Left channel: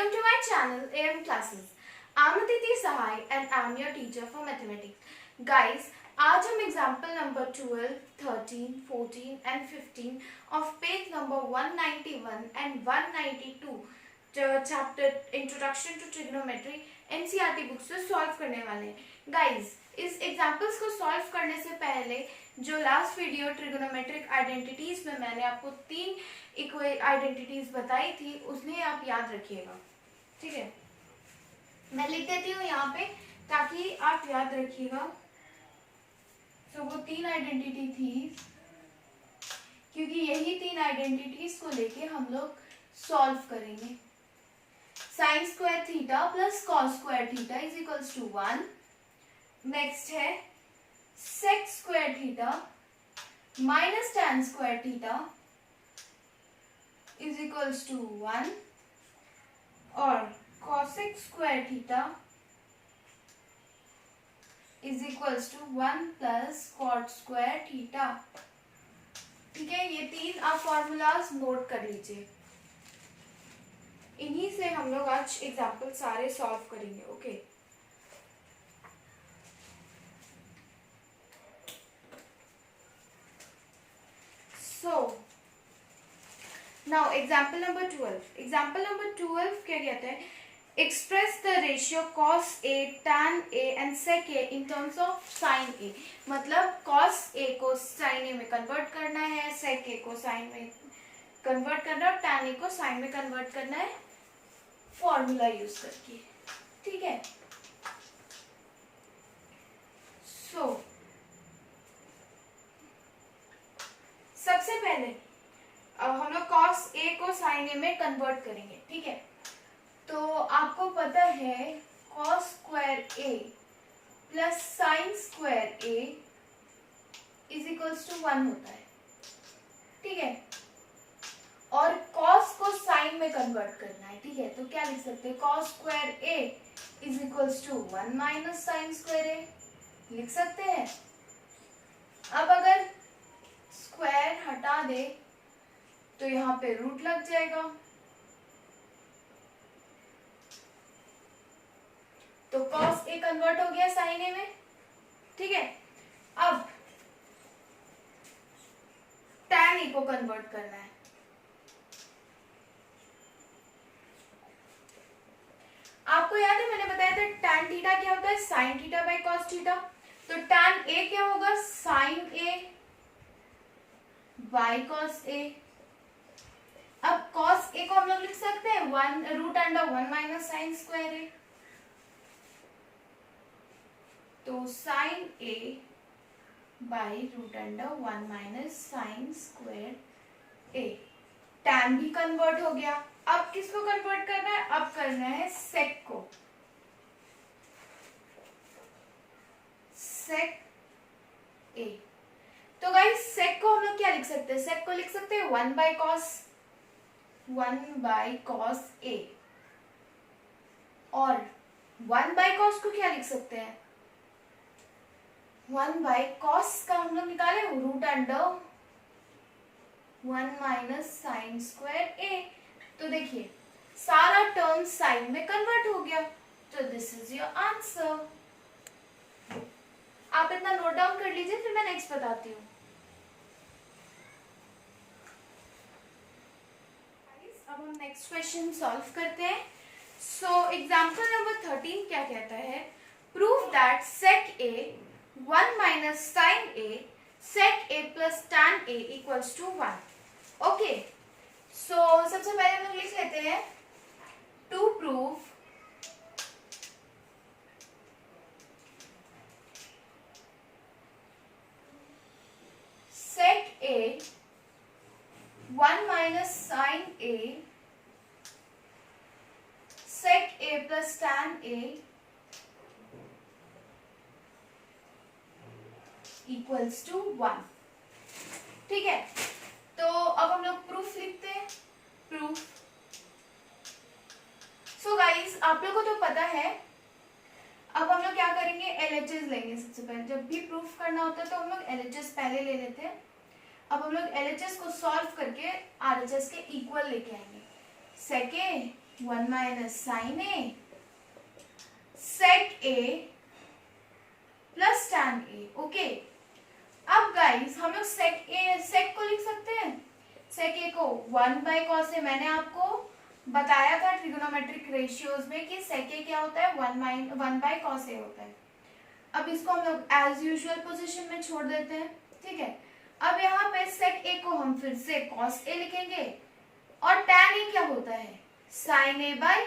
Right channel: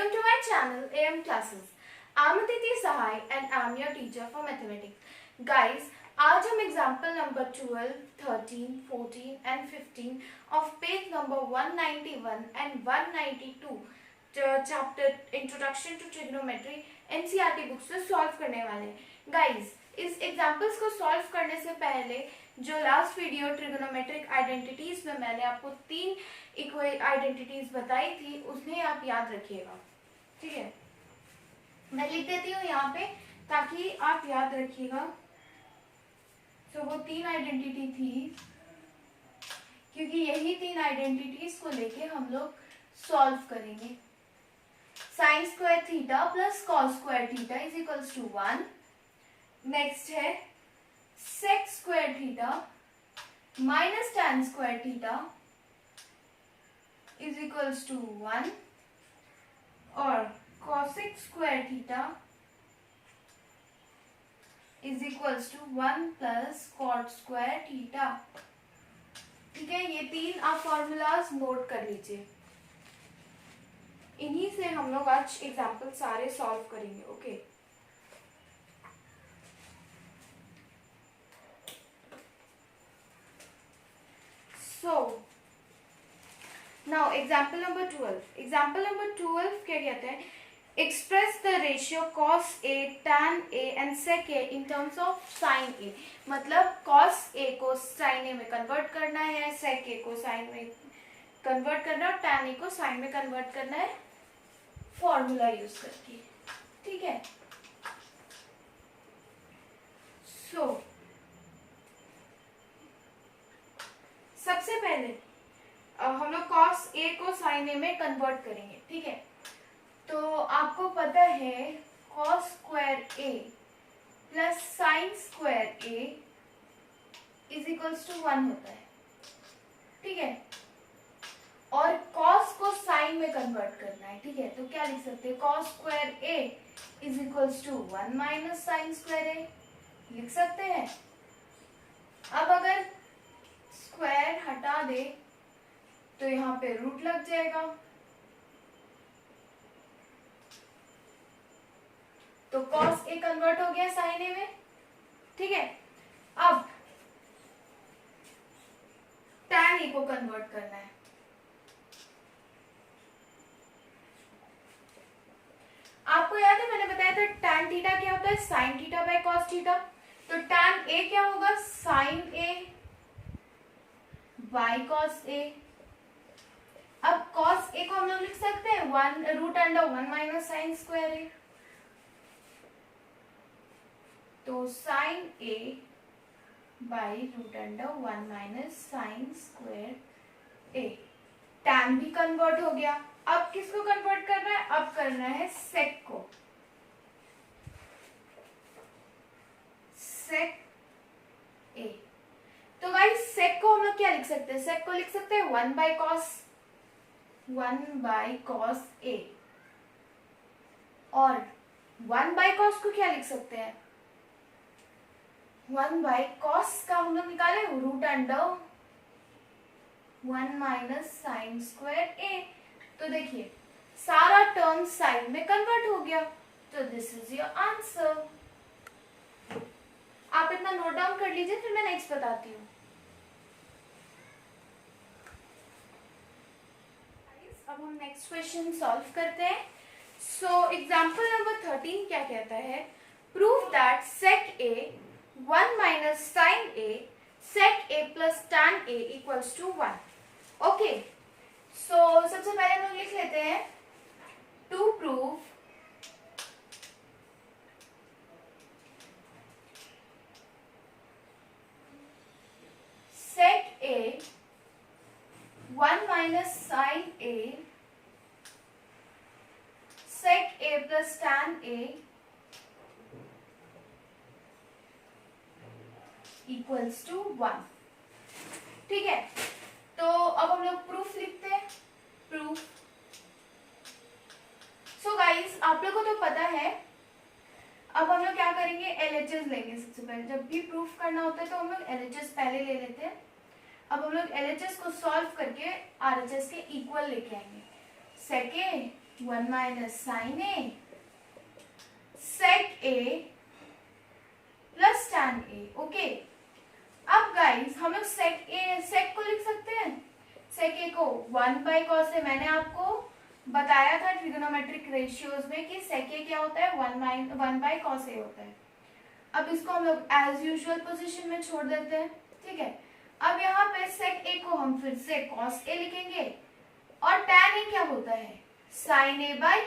Welcome to my channel AM Classes. I'm Aditi Sahai and I'm your teacher for mathematics. Guys, आज हम example number 12, 13, 14 and 15 of page number 191 and 192 chapter Introduction to Trigonometry NCERT book से solve करने वाले हैं. Guys, इस examples को solve करने से पहले जो लास्ट वीडियो ट्रिगोनोमेट्रिक आइडेंटिटीज में मैंने आपको 3 आइडेंटिटीज बताई थी उसने आप याद रखिएगा. ठीक है, मैं लिख देती हूँ यहाँ पे ताकि आप याद रखिएगा. तो वो 3 आइडेंटिटी थी क्योंकि यही 3 आइडेंटिटीज को लेके हम लोग सॉल्व करेंगे. Sine square theta plus cos square theta is equals to 1. Next है sec square theta minus tan square theta is equals to 1 और cosec square theta is equals to 1 plus cot square theta. ठीक है, ये 3 आप formulas note कर लीजिए. इन्हीं से हम लोग आज एग्जाम्पल सारे सॉल्व करेंगे. Okay So, now example number 12. Example number 12 क्या कहते हैं? Express the ratio cos A, tan A and sec A in terms of sin A. मतलब cos A को sin A में convert करना है, sec A को sin में convert करना है और tan A को sin में convert करना है फॉर्मूला यूज करके. ठीक है, so सबसे पहले हम लोग cos A को sin A में कन्वर्ट करेंगे. ठीक है, तो आपको पता है cos square A plus sine square A is equals to 1 होता है. ठीक है, और cos को sin में कन्वर्ट करना है. ठीक है, तो क्या लिख सकते हैं? cos square A is equals to 1 minus sine square A लिख सकते हैं. अब अगर स्क्वायर हटा दे तो यहाँ पे रूट लग जाएगा. तो cos A कन्वर्ट हो गया sin A में. ठीक है, अब tan A को कन्वर्ट करना है. आपको याद है मैंने बताया था tan थीटा क्या होता है? sin theta by cos theta. तो tan A क्या होगा? sin A y cos A. अब cos A को हम लोग लिख सकते हैं 1 root under 1 minus sine square A. तो sin A by root under 1 minus sine square A. tan भी कन्वर्ट हो गया. अब किसको कन्वर्ट करना है? अब करना है sec को. sec A. तो गाइस sec को हम लोग क्या लिख सकते हैं? sec को लिख सकते हैं 1 बाई cos A. और 1 बाई cos को क्या लिख सकते हैं? 1 बाई cos का हम लोग निकाले root under 1 minus sine square A. तो देखिए सारा टर्म साइन में कन्वर्ट हो गया. तो दिस इज योर आंसर. आप इतना नोट डाउन कर लीजिए, फिर मैं नेक्स्ट बताती हूँ. अब हम नेक्स्ट क्वेश्चन सॉल्व करते हैं. सो एग्जांपल नंबर 13 क्या कहता है? Prove that sec A 1 minus sine A sec A plus tan A equals to 1. Okay, so सबसे पहले हम लोग लिख लेते हैं to prove sec A 1 minus sin A sec A plus tan A equals to 1. ठीक है, तो अब हम लोग प्रूफ लिखते हैं. प्रूफ. सो गाइस आप लोगों को तो पता है. अब हम लोग क्या करेंगे? LHS लेंगे. सबसे पहले जब भी प्रूफ करना होता है तो हम लोग LHS पहले ले लेते हैं. अब हम लोग LHS को सॉल्व करके RHS के इक्वल लेके आएंगे. sec A 1 minus sine A sec A plus tan A. Okay, अब गाइस हम लोग सेक को लिख सकते हैं। सेक ए को 1 बाई कॉस ए, मैंने आपको बताया था ट्रिगोनोमेट्रिक रेशियोज में कि सेक ए क्या होता है, 1 बाई कॉस ए होता है। अब इसको हम लोग एज यूजुअल पोजीशन में छोड़ देते हैं, ठीक है। अब यहाँ पे सेक ए को हम फिर से कॉस ए लिखेंगे और टैन ए क्या होता है, साइन ए बाई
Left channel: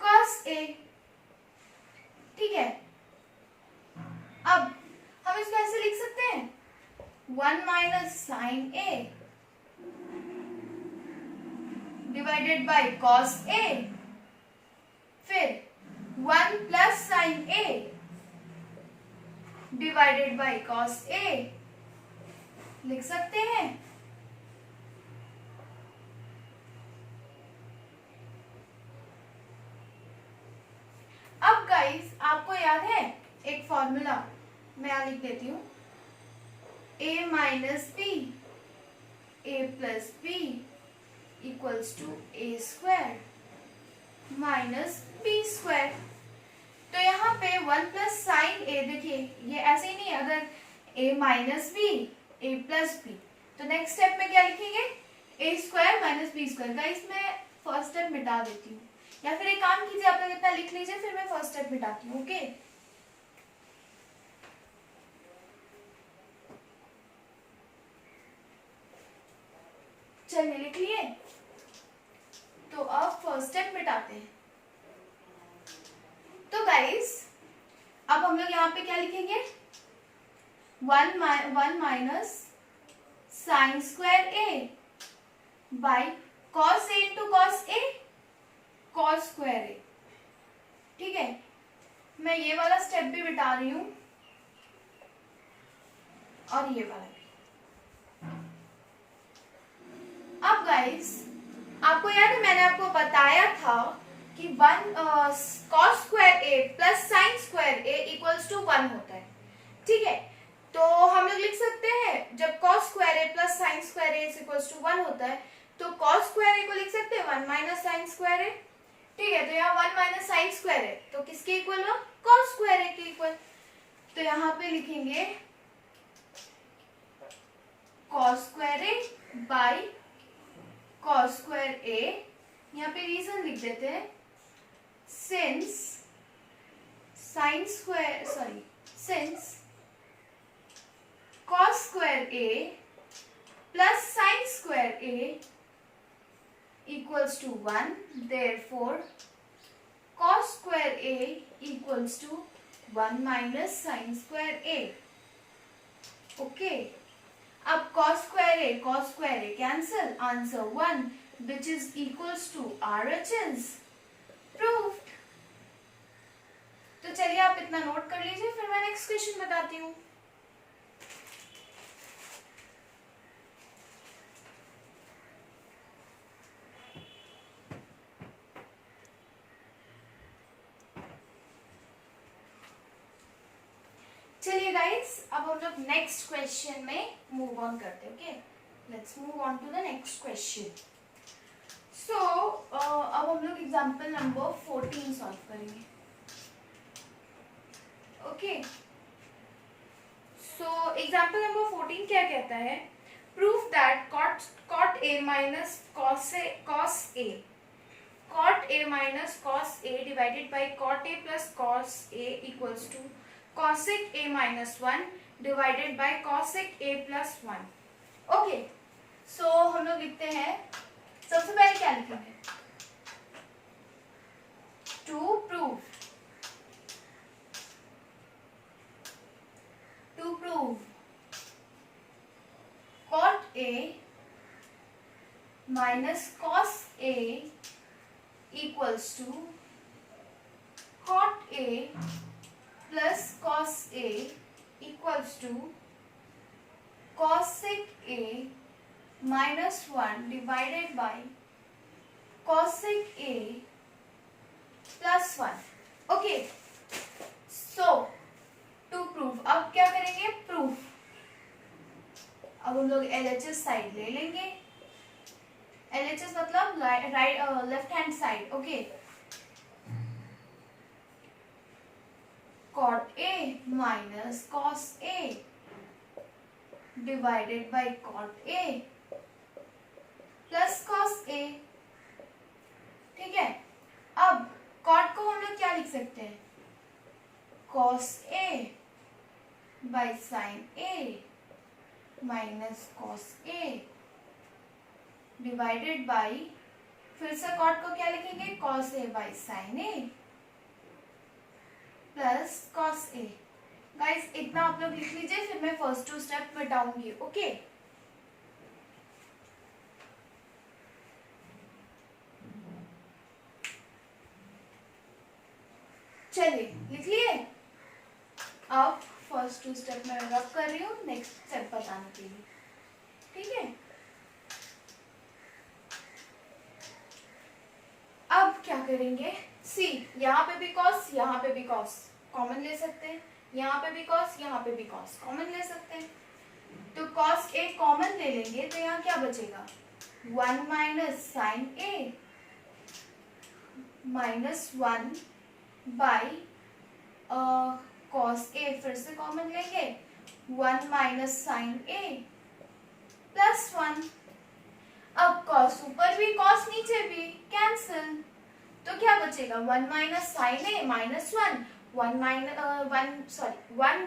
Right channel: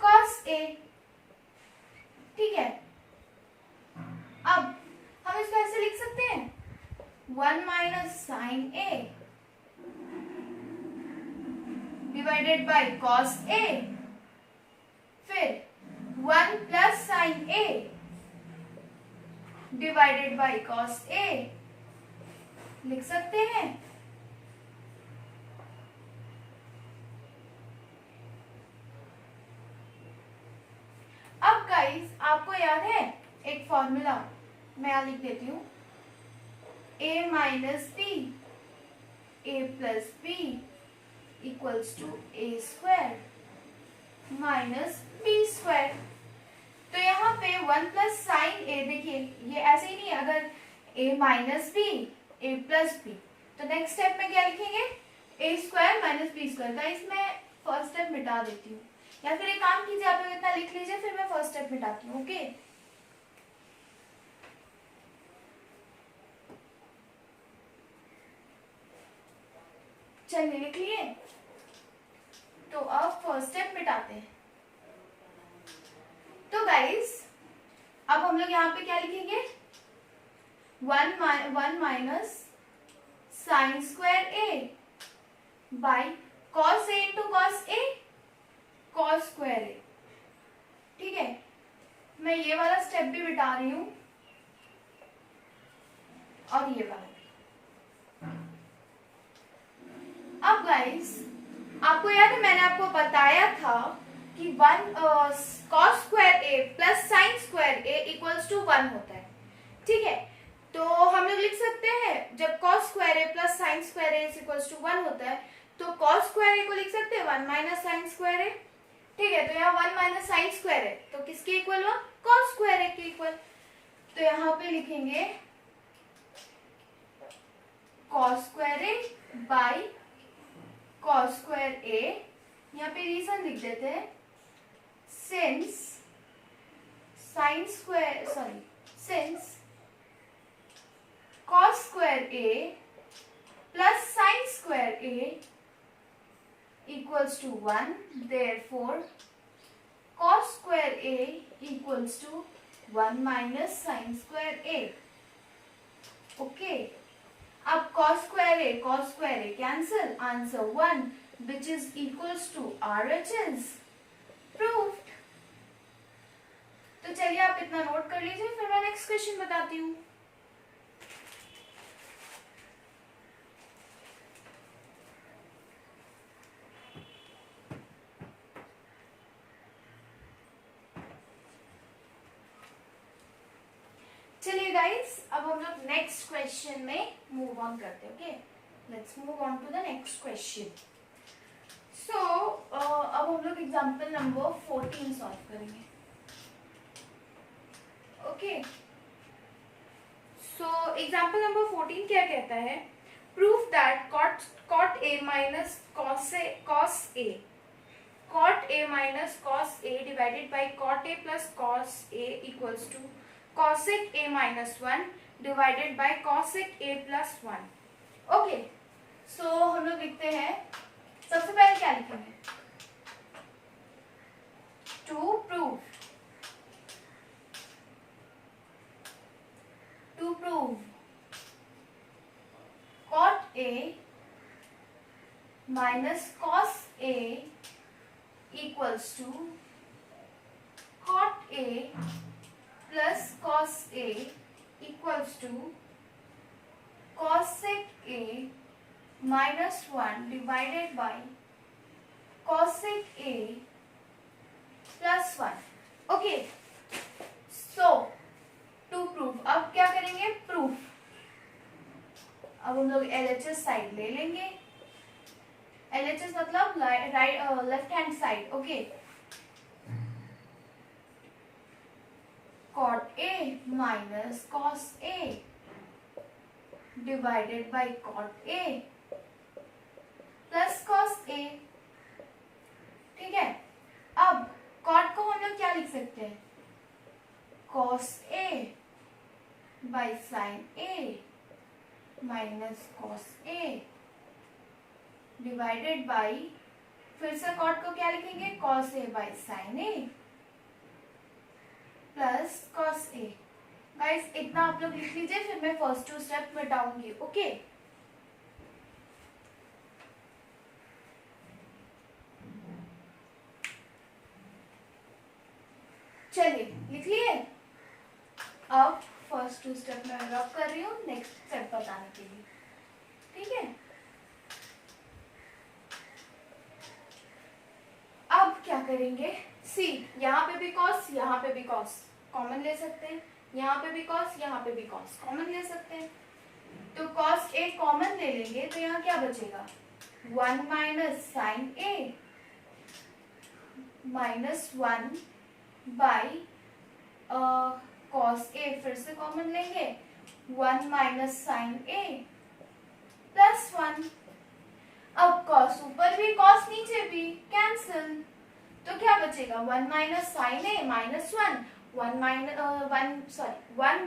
कॉस ए, ठीक है। अब हम इसको ऐसे लिख सकते हैं 1 minus sine A divided by cos A, फिर 1 plus sine A divided by cos A लिख सकते हैं। अब गाइस आपको याद है एक फॉर्मूला, मैं यहां लिख देती हूं, a minus B A plus B equals to A square minus B square. तो यहाँ पे 1 प्लस साइन ए, देखिए ये ऐसे ही नहीं, अगर a minus B A plus B, तो नेक्स्ट स्टेप में क्या लिखेंगे, A square minus B square. का इसमें फर्स्ट स्टेप मिटा देती हूँ, या फिर एक काम कीजिए, आप लोग इतना लिख लीजिए, फिर मैं फर्स्ट स्टेप मिटाती हूँ। ओके, चलिए लिख लिए। तो अब फर्स्ट स्टेप मिटाते हैं। तो गाइस अब हम लोग यहाँ पे क्या लिखेंगे, 1 minus sine square A by cos A into cos A cos square A, ठीक है। मैं ये वाला स्टेप भी मिटा रही हूं और ये वाला भी। अब गाइस आपको याद है मैंने आपको बताया था कि 1 cos square A plus sine square A equals to 1 होता है, ठीक है। तो हम लोग लिख सकते हैं जब cos square A plus sine square A equals to 1 होता है, तो कॉस स्क्वायर ए को लिख सकते हैं 1 माइनस साइन स्क्वायर ए, ठीक है। तो यहाँ 1 माइनस साइन स्क्वायर है तो किसके इक्वल हुआ, कॉस स्क्वायर ए के इक्वल। तो यहाँ पे लिखेंगे cos square A by cos square A. यहाँ पे रीजन लिख देते हैं, since cos square A plus sine square A equals to 1, therefore cos square a equals to 1 minus sin square a. Okay. अब cos square a cancel, answer 1 which is equals to RHS proved. तो चलिए आप इतना note कर लीजिए, फिर मैं next question बताती हूँ। चलिए गाइस अब हम लोग नेक्स्ट क्वेश्चन में मूव ऑन करते हैं। Okay, let's move on to the next question. So अब हम लोग एग्जांपल नंबर 14 सॉल्व करेंगे। ओके, सो एग्जांपल नंबर 14 क्या कहता है, proof that cot a minus cos a minus cos a divided by cot a plus cos a equals to cosec a minus 1 divided by cosec a plus 1। Okay, so हम लोग लिखते हैं, सबसे पहले क्या लिखेंगे, to prove cot a minus cos a equals to cot a plus cos a equals to cosec a minus 1 divided by cosec a plus 1। Okay, so to proof, अब क्या करेंगे, प्रूफ। अब हम लोग LHS साइड ले लेंगे, LHS मतलब right left hand side. Okay, cot A minus cos A divided by cot A plus cos A. ठीक है, अब cot को हम लोग क्या लिख सकते हैं? cos A by sin A minus cos A divided by, फिर से cot को क्या लिखेंगे? cos A by sin A plus cos A. Guys इतना आप लोग लिख लीजिए, फिर मैं फर्स्ट टू स्टेप बताऊंगी. ओके, चलिए लिख लिए. अब फर्स्ट टू स्टेप मैं रब कर रही हूँ नेक्स्ट स्टेप बताने के लिए. ठीक है, अब क्या करेंगे? सी, यहाँ पे भी कॉस, यहाँ पे भी कॉस कॉमन ले सकते हैं, यहाँ पे भी कॉस, यहाँ पे भी कॉस कॉमन ले सकते हैं. तो कॉस ए कॉमन ले लेंगे तो यहाँ क्या बचेगा? 1 minus sine A minus 1 by cos A, फिर से कॉमन लेंगे 1 माइनस साइन ए प्लस 1. अब कॉस ऊपर भी कॉस नीचे भी कैंसिल, तो क्या बचेगा? 1 minus sine A minus 1, 1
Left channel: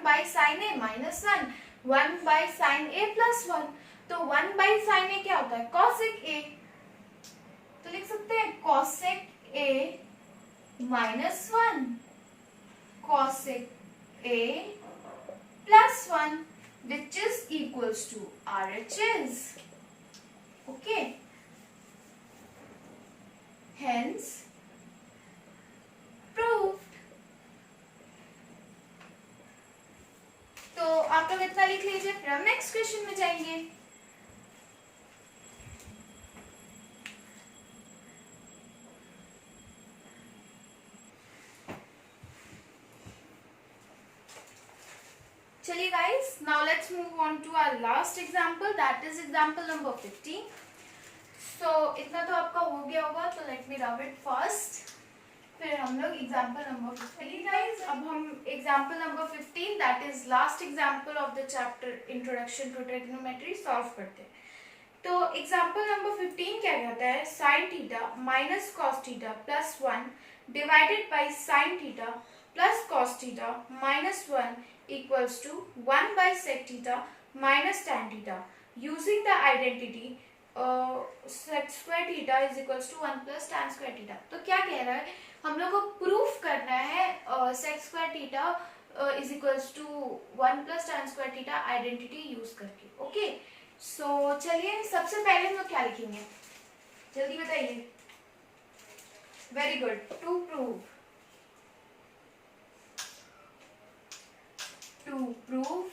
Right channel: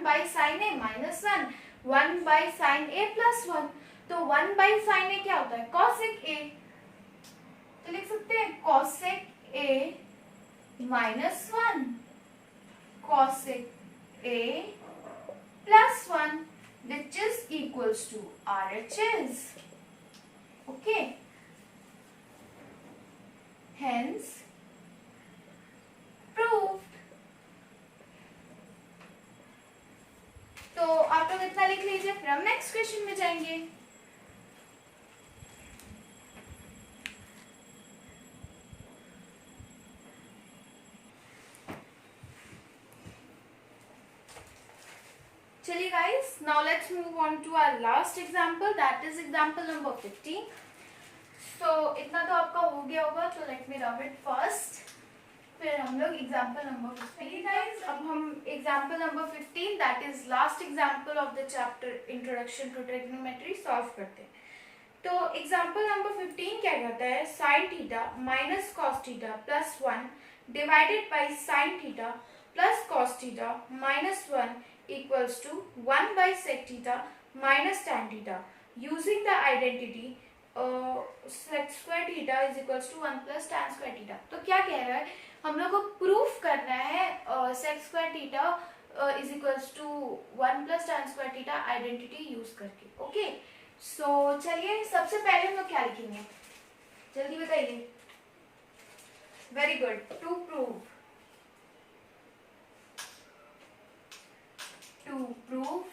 by sine A minus 1, 1 by sine A plus 1. तो 1 बाई साइन ए क्या होता है? Cosec A. तो लिख सकते हैं cosec A minus 1 cosec A plus 1 which is equals to RHS. Okay. Hence proved. तो आप लोग इतना लिख लीजिए, फिर हम नेक्स्ट क्वेश्चन में जाएंगे. चलिए guys, now let's move on to our last example, that is example number 15. So इतना तो आपका हो गया होगा, तो let me rub it first. फिर हम लोग example number 15 guys. अब हम example number 15, that is last example of the chapter introduction to trigonometry solve करते हैं. तो example number 15 क्या कहता है? sin theta minus cos theta plus 1 divided by sin theta plus cos theta minus 1 equals to 1 by sec theta minus tan theta using the identity sec square theta is equals to 1 plus tan square theta. तो क्या कह रहा है? हम लोग को proof करना है sec square theta is equals to 1 plus tan square theta identity use करके. ओके, सो चलिए सबसे पहले हम लोग क्या लिखेंगे? जल्दी बताइए. Very good. To prove, to prove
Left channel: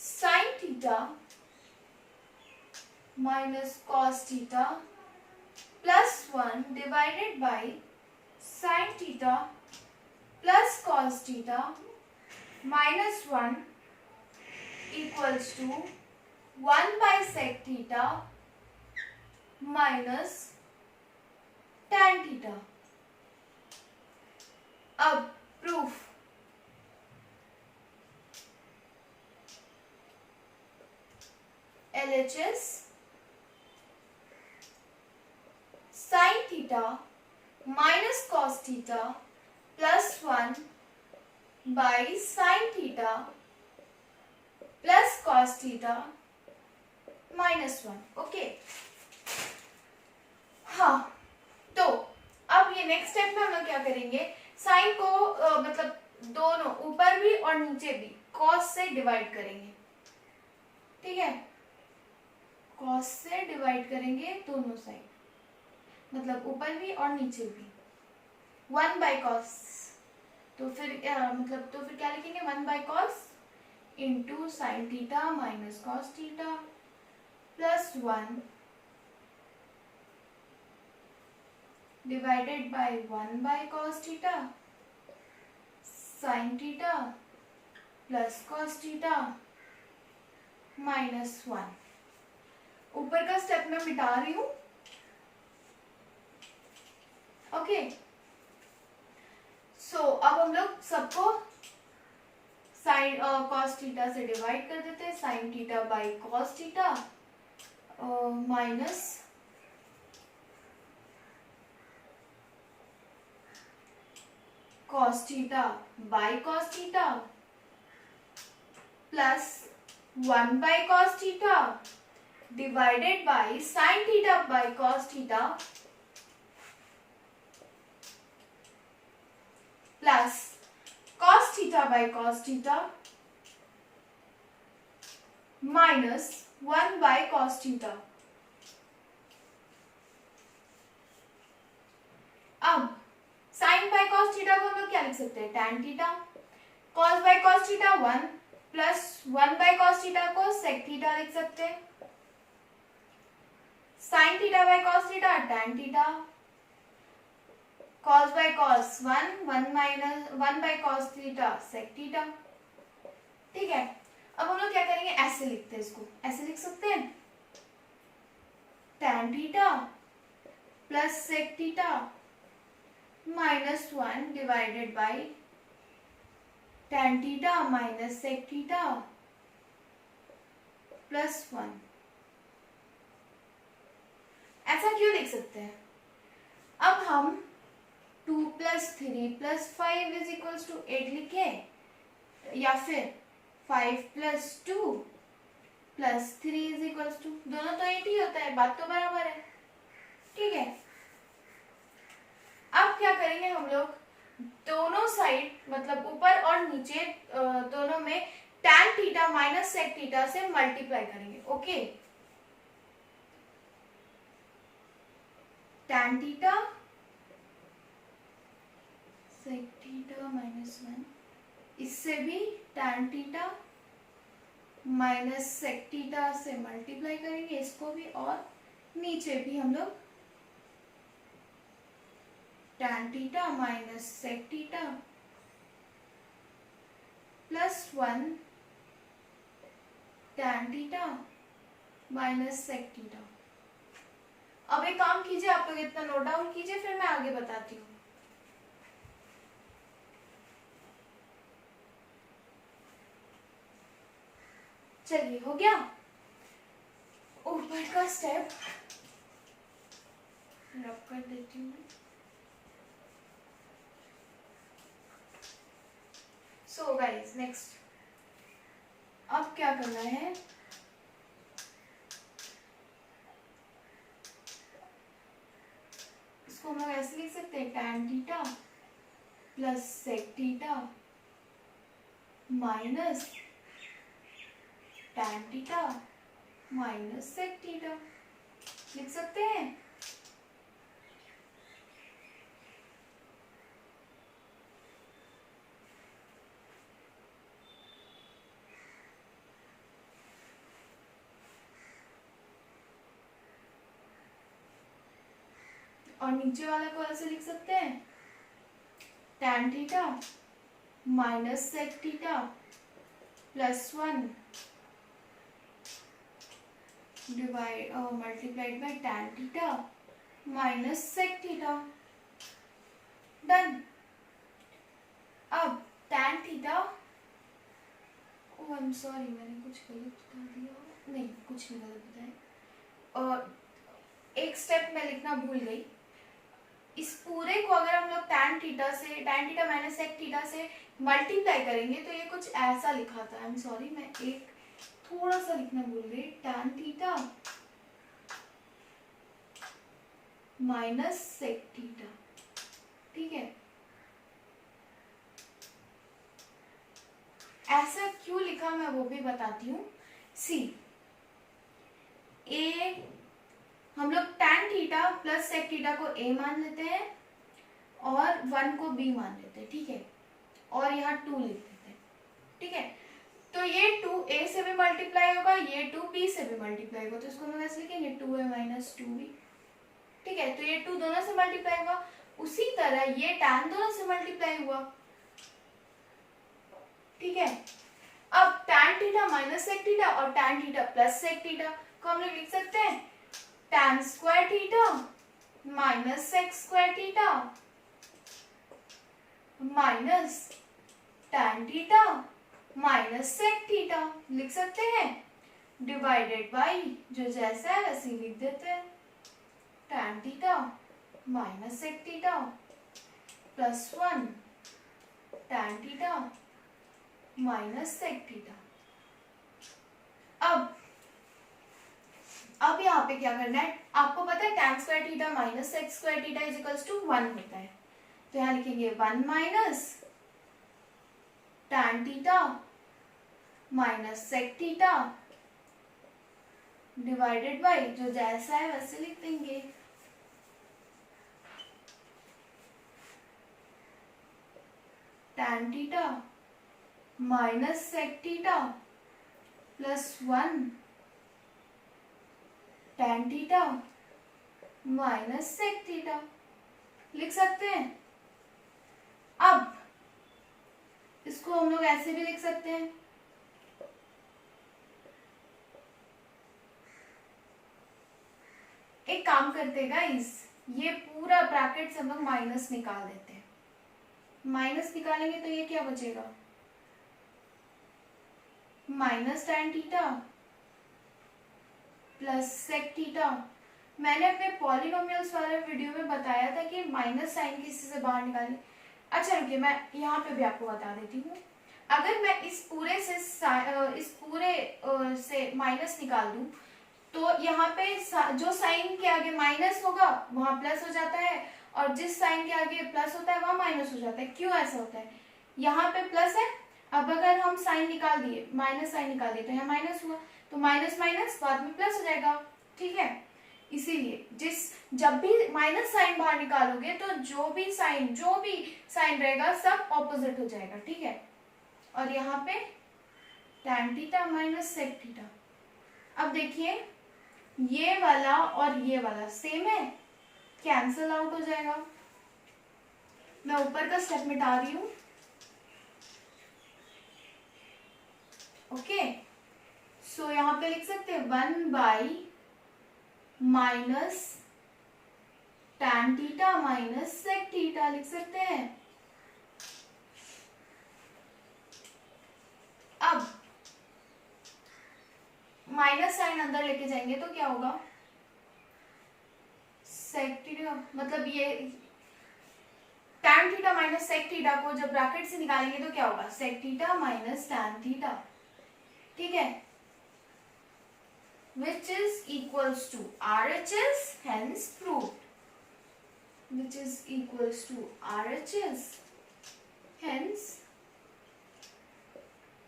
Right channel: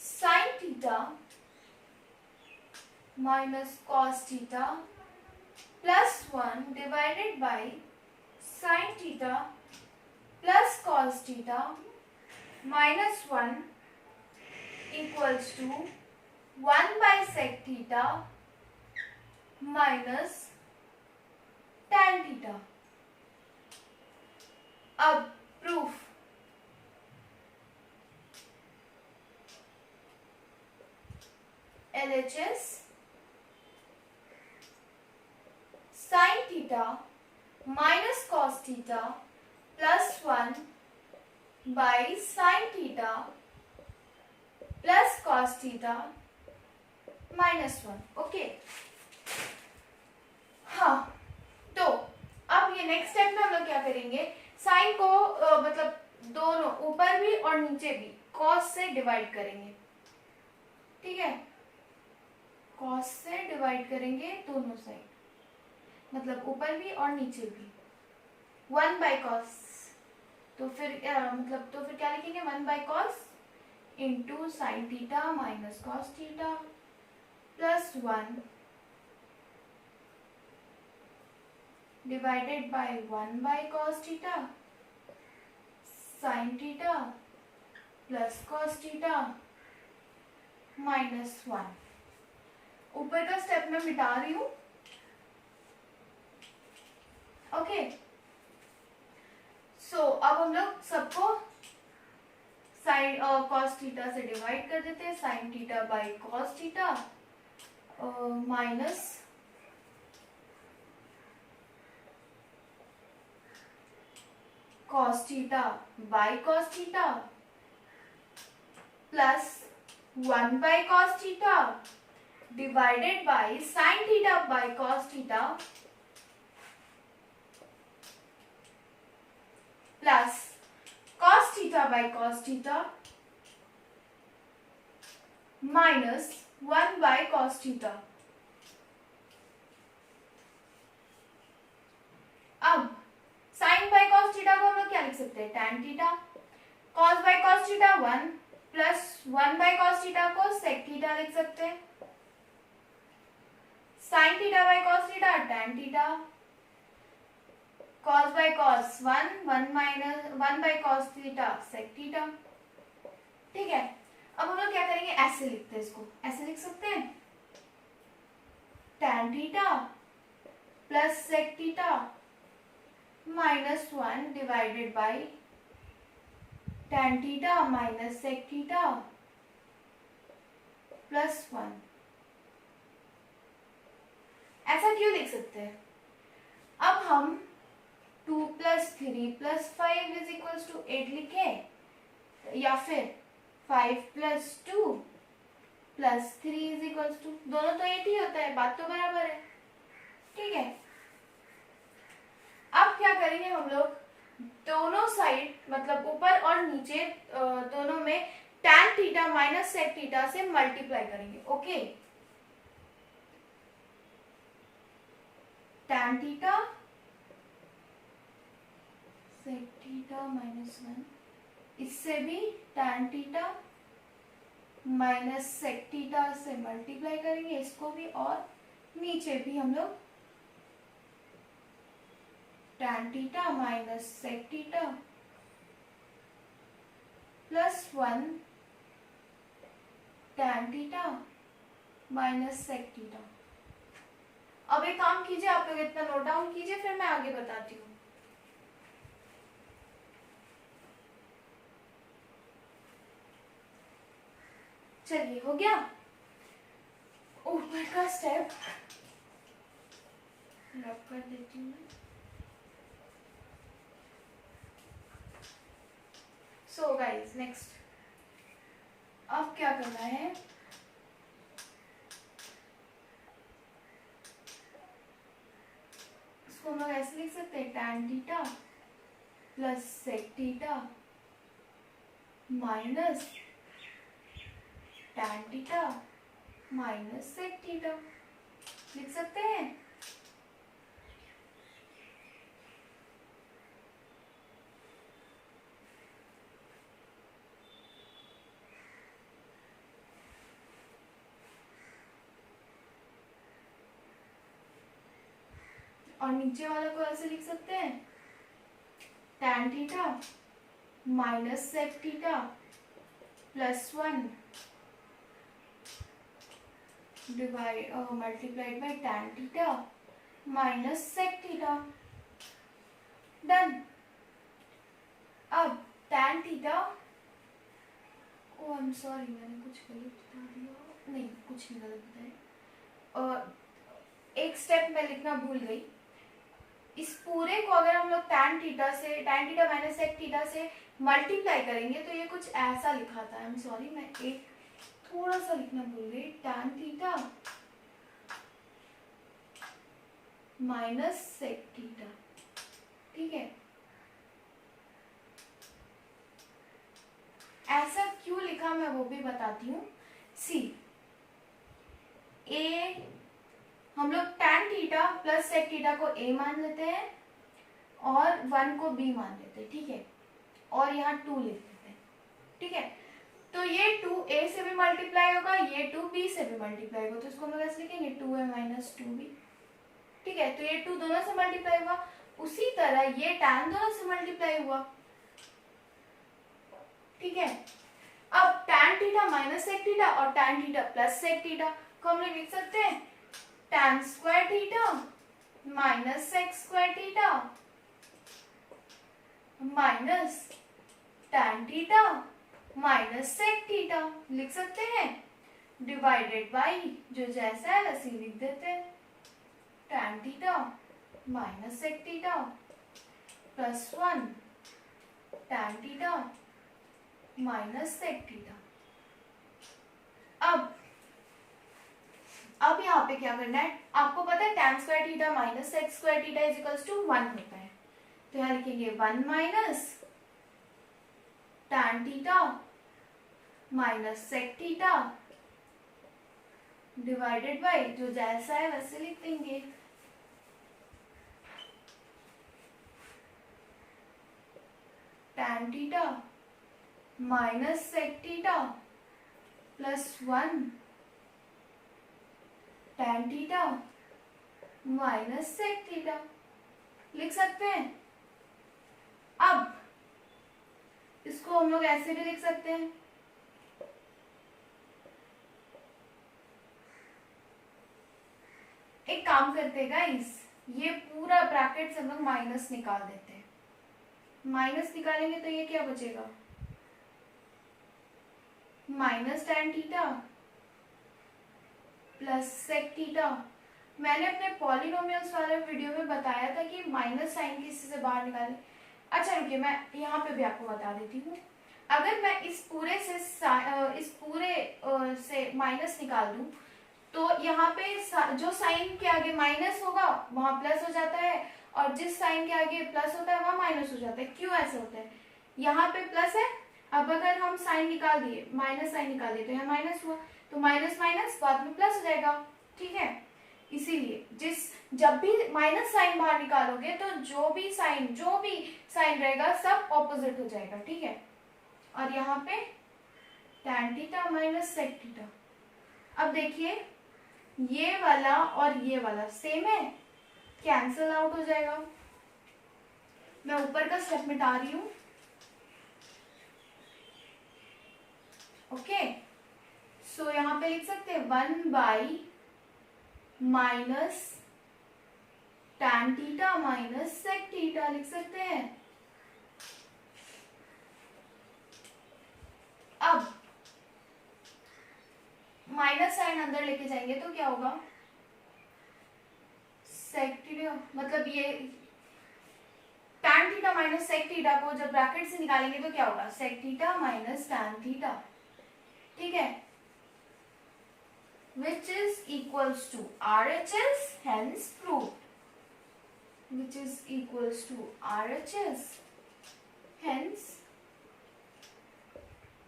sin theta minus cos theta plus 1 divided by sin theta plus cos theta minus 1 equals to 1 by sec theta minus tan theta. अब proof, LHS sin theta minus cos theta plus 1 by sin theta plus cos theta minus 1. Okay, हाँ, तो अब ये next step में हम लोग क्या करेंगे? साइन को मतलब दोनों ऊपर भी और नीचे भी कॉस से डिवाइड करेंगे. ठीक है, कॉस से डिवाइड करेंगे दोनों साइड, मतलब ऊपर भी और नीचे भी. 1 बाय कॉस, तो फिर तो फिर क्या लिखेंगे? 1 by cos into sine theta minus cos theta plus 1 divided by 1 by cos theta sin theta plus cos theta minus 1. ऊपर का स्टेप मैं मिटा रही हूं। ओके, सो अब हम लोग सबको साइन कॉस थीटा से डिवाइड कर देते हैं। Sine theta by cos theta minus cos theta by cos theta plus 1 by cos theta divided by sin theta by cos theta plus cos theta by cos theta minus 1 by cos theta। अब sine by cos theta को हम लोग क्या लिख सकते हैं, tan theta. Cos by cos theta 1 plus 1 by cos theta को sec theta लिख सकते हैं। Sine theta by cos theta tan theta. Cos by cos 1 minus 1 by cos theta sec theta. ठीक है, अब हम लोग क्या करेंगे, ऐसे लिखते हैं, इसको ऐसे लिख सकते हैं, tan theta plus sec theta minus 1 divided by tan theta minus sec theta plus 1। ऐसा क्यों लिख सकते हैं? अब हम 2 plus 3 plus 5 is equals to 8 लिखे, या फिर 5 plus 2 plus 3 is equals to, दोनों तो 8 ही होता है, बात तो बराबर है। ठीक है, अब क्या करेंगे हम लोग, दोनों साइड मतलब ऊपर और नीचे दोनों में tan theta minus sec theta से मल्टीप्लाई करेंगे। Okay, tan theta sec theta minus 1, इससे भी tan theta minus sec theta से मल्टीप्लाई करेंगे इसको भी, और नीचे भी हम लोग tan theta minus sec theta plus 1 tan theta minus sec theta. अब एक काम कीजिए, आप लोग इतना नोट डाउन कीजिए, फिर मैं आगे बताती हूँ। चलिए, हो गया ऊपर का स्टेप रब कर देती हूँ मैं। सो गाइस, नेक्स्ट अब क्या करना है, इसको हम लोग ऐसे लिख सकते हैं, tan theta plus sec theta minus tan theta minus sec theta लिख सकते हैं। और नीचे वाला को ऐसे लिख सकते हैं, tan theta minus sec theta plus 1 divide multiplied by tan theta minus sec theta. Done. अब tan theta, oh I am sorry, मैंने कुछ गलत बता दिया, नहीं कुछ नहीं गलत बताया, और एक स्टेप मैं लिखना भूल गई। इस पूरे को अगर हम लोग tan theta minus sec theta से मल्टीप्लाई करेंगे तो ये कुछ ऐसा लिखा था, आई एम सॉरी, मैं एक थोड़ा सा लिखना भूल गई, tan theta minus sec theta. ठीक है, ऐसा क्यों लिखा मैं वो भी बताती हूँ। सी ए, हम लोग tan theta plus sec theta को a मान लेते हैं और 1 को b मान लेते हैं। ठीक है, और यहाँ 2 लिख देते हैं। ठीक है, तो ये 2 a से भी मल्टीप्लाई होगा, ये 2 b से भी मल्टीप्लाई होगा, तो इसको हम लोग ऐसे लिखेंगे 2a माइनस 2b। ठीक है, तो ये 2 दोनों से मल्टीप्लाई हुआ, उसी तरह ये tan दोनों से मल्टीप्लाई हुआ। ठीक है, अब tan theta minus sec theta और tan theta plus sec theta, को हम लोग लिख सकते हैं tan square theta minus sec square theta minus tan theta minus sec theta लिख सकते हैं, डिवाइडेड बाई जो जैसा है वैसे ही लिख देते हैं, tan theta minus sec theta plus 1 tan theta minus sec theta. अब यहाँ पे क्या करना है, आपको पता है tan square theta minus sec square theta is equals to 1 होता है, तो यहाँ लिखेंगे 1 minus tan theta minus sec theta divided by जो जैसा है वैसे लिख देंगे, tan theta minus sec theta plus 1 tan theta minus sec theta लिख सकते हैं। अब इसको हम लोग ऐसे भी लिख सकते हैं, एक काम करते हैं गाइस, ये पूरा ब्रैकेट से हम लोग माइनस निकाल देते हैं, माइनस निकालेंगे तो ये क्या बचेगा, minus tan theta plus sec theta. मैंने अपने पॉलिनोमियल्स वाले वीडियो में बताया था कि माइनस साइन किसी से बाहर निकालें। अच्छा रुकिए, मैं यहाँ पे भी आपको बता देती हूँ, अगर मैं इस पूरे से माइनस निकाल दूं तो यहाँ पे जो साइन के आगे माइनस होगा वहां प्लस हो जाता है, और जिस साइन के आगे प्लस होता है वहां माइनस हो जाता है। क्यों ऐसा होता है, यहाँ पे प्लस है, अब अगर हम साइन निकाल दिए, माइनस साइन निकाल दिए तो यहाँ माइनस हुआ, तो माइनस माइनस बाद में प्लस हो जाएगा, ठीक है। इसीलिए जब भी माइनस साइन बाहर निकालोगे तो जो भी साइन रहेगा सब ऑपोजिट हो जाएगा, ठीक है। और यहाँ पे tan theta minus sec theta, अब देखिए ये वाला और ये वाला सेम है, कैंसल आउट हो जाएगा। मैं ऊपर का स्टेप मिटा रही हूं, ओके। सो यहाँ पे लिख सकते हैं 1 by minus tan theta minus sec theta लिख सकते हैं। अब माइनस साइन अंदर लेके जाएंगे तो क्या होगा, sec थीटा, मतलब ये tan theta minus sec theta को जब ब्रैकेट से निकालेंगे तो क्या होगा, sec theta minus tan theta, ठीक है, which is equals to RHS, hence proved, which is equals to RHS, hence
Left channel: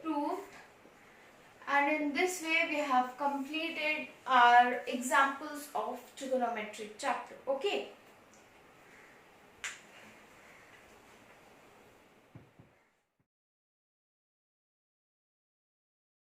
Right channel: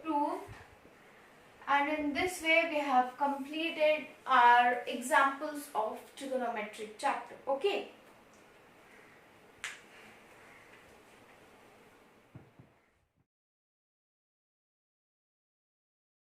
proved. And in this way we have completed our examples of trigonometric chapter, okay.